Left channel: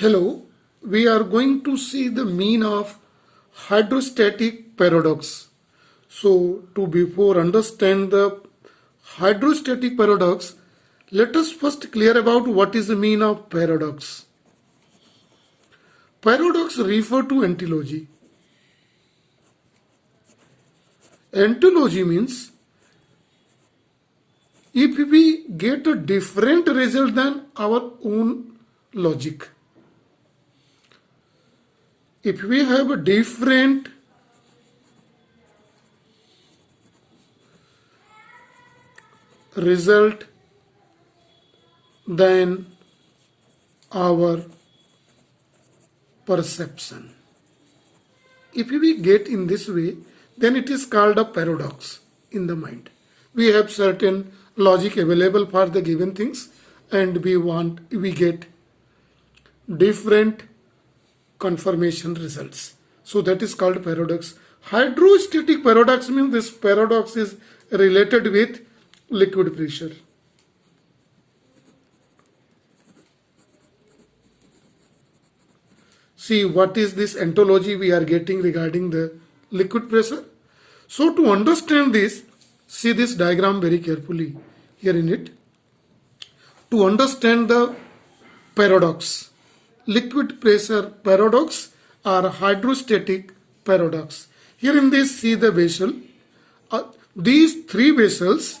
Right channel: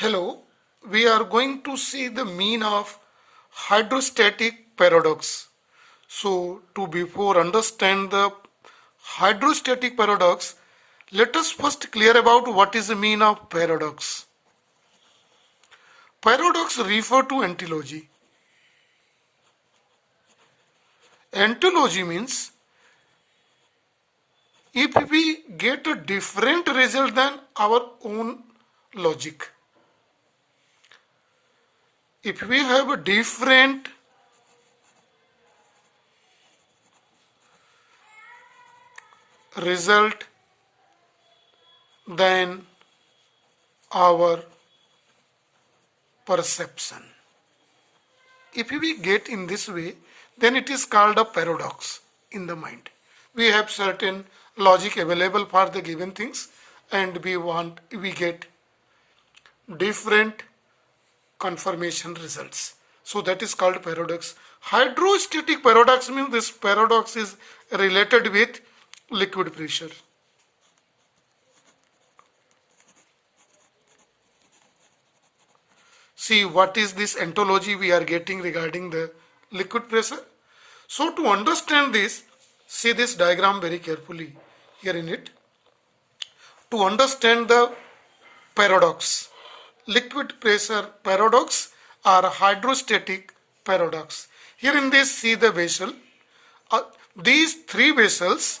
Hello, we are going to see the mean of hydrostatic paradox. So, to before understand the hydrostatic paradox, let us first clear about what is the mean of paradox. Paradox refer to antilogy. Antilogy means if we get a different result than our own logic. If we have a different result than our perception. If we get in this way, then it is called a paradox in the mind. We have certain logic available for the given things and we get different confirmation results. So that is called paradox. Hydrostatic paradox means this paradox is related with liquid pressure. See what is this ontology we are getting regarding the liquid pressure. So to understand this, see this diagram very carefully here in it. To understand the paradox, liquid pressure paradox or hydrostatic paradox. Here in this, see the vessel. These three vessels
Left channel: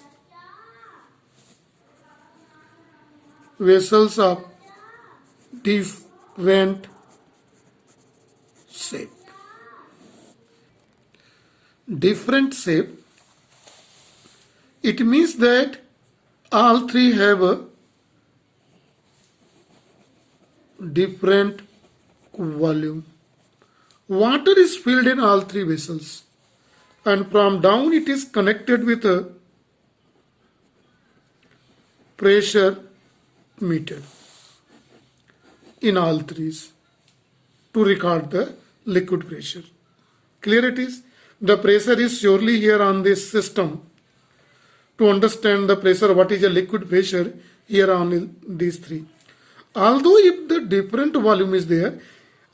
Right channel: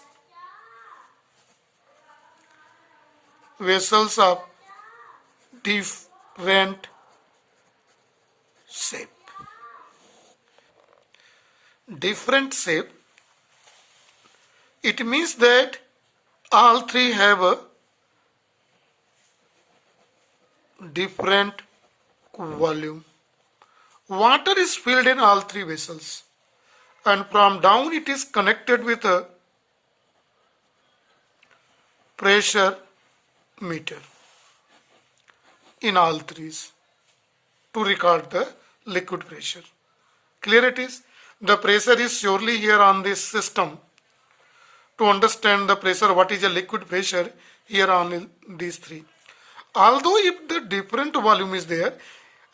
of different shape. Different shape. It means that all three have a different volume. Water is filled in all three vessels, and from down it is connected with a pressure meter in all threes to record the liquid pressure. Clear it is? The pressure is surely here on this system. To understand the pressure, what is a liquid pressure, here on these three. Although if the different volume is there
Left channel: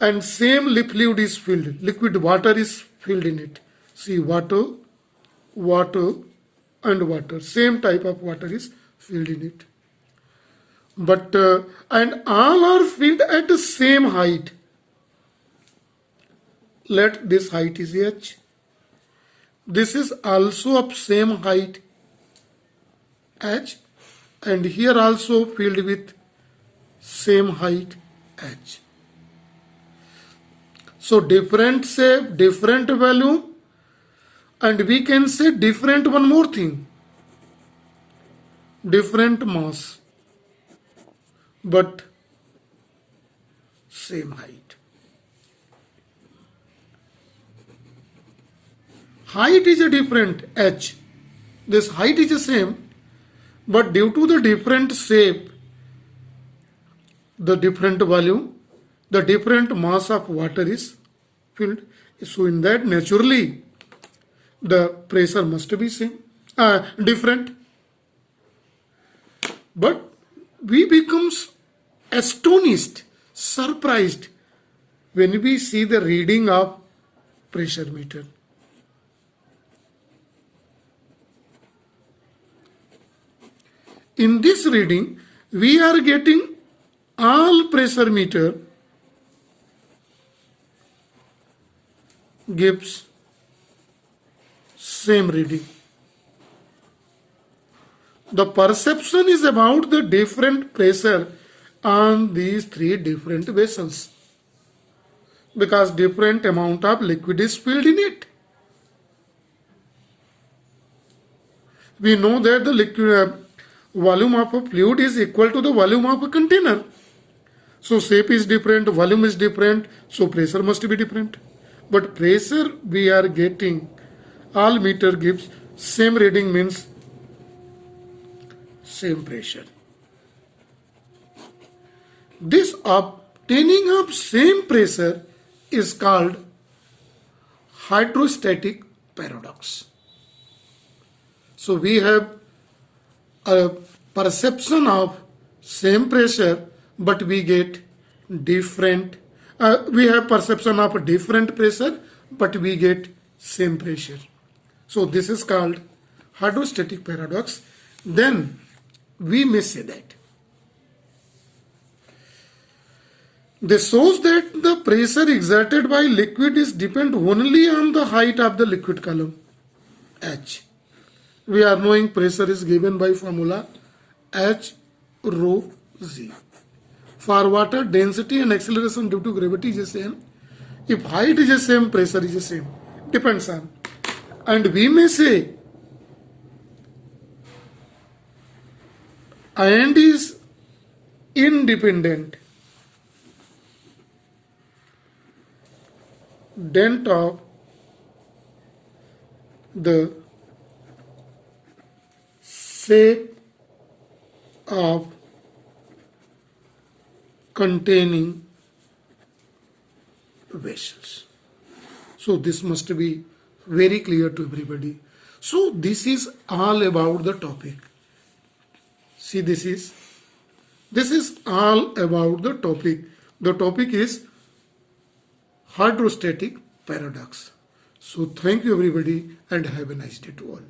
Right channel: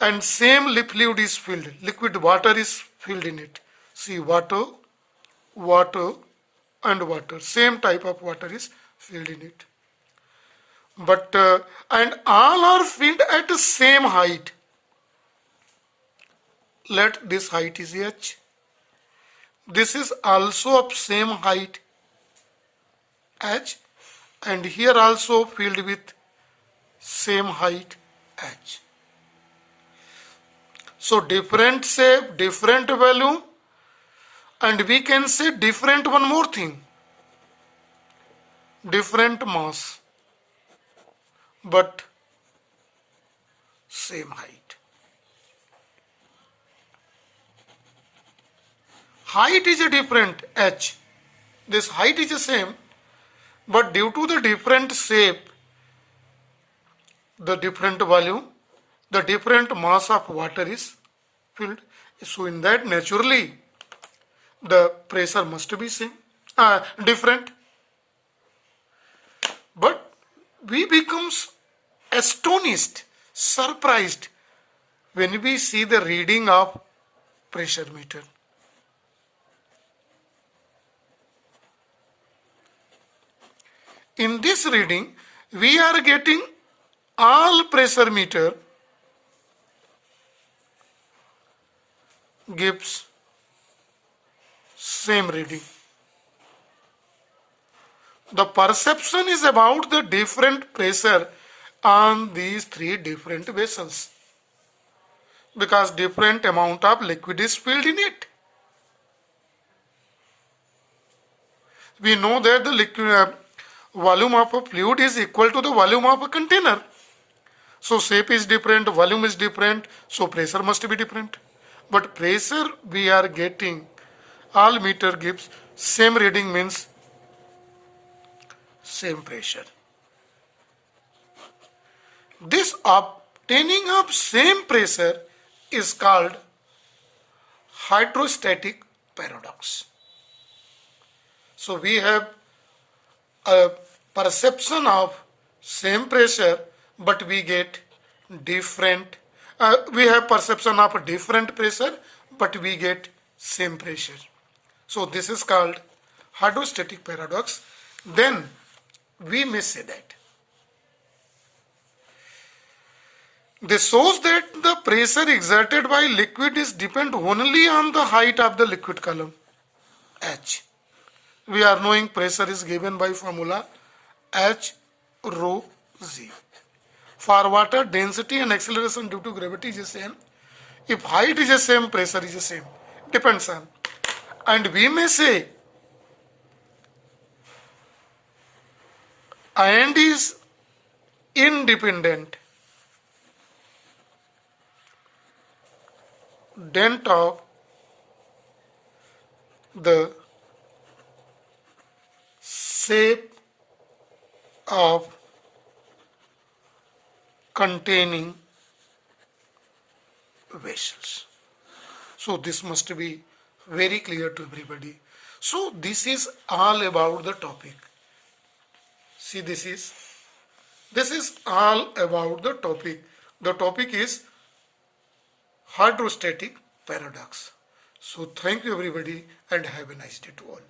and same fluid is filled, liquid water is filled in it. See, water, and water. Same type of water is filled in it. But, and all are filled at the same height. Let this height is h. This is also of same height h, and here also filled with same height h. So different shape, different volume, and we can say different one more thing, different mass, but same height. Height is a different h. This height is the same, but due to the different shape, the different volume, the different mass of water is filled. So in that, naturally, the pressure must be same, different. But we become astonished, surprised when we see the reading of pressure meter. In this reading, we are getting all pressure meter gives same reading. The perception is about the different pressure on these three different vessels, because different amount of liquid is filled in it. We know that the liquid volume of a fluid is equal to the volume of a container. So shape is different, volume is different, so pressure must be different. But pressure we are getting, all meter gives same reading, means same pressure. This obtaining of same pressure is called hydrostatic paradox. So we have a perception of same pressure, but we get different, we have perception of different pressure, but we get same pressure. So this is called hydrostatic paradox. Then we may say that this shows that the pressure exerted by liquid is depend only on the height of the liquid column, H. We are knowing pressure is given by formula H rho Z. For water, density and acceleration due to gravity is the same. If height is the same, pressure is the same. Depends on. And we may say and is independent dent of the shape of containing vessels. So this must be very clear to everybody. So this is all about the topic. See, this is all about the topic. The topic is hydrostatic paradox. So thank you everybody and have a nice day to all.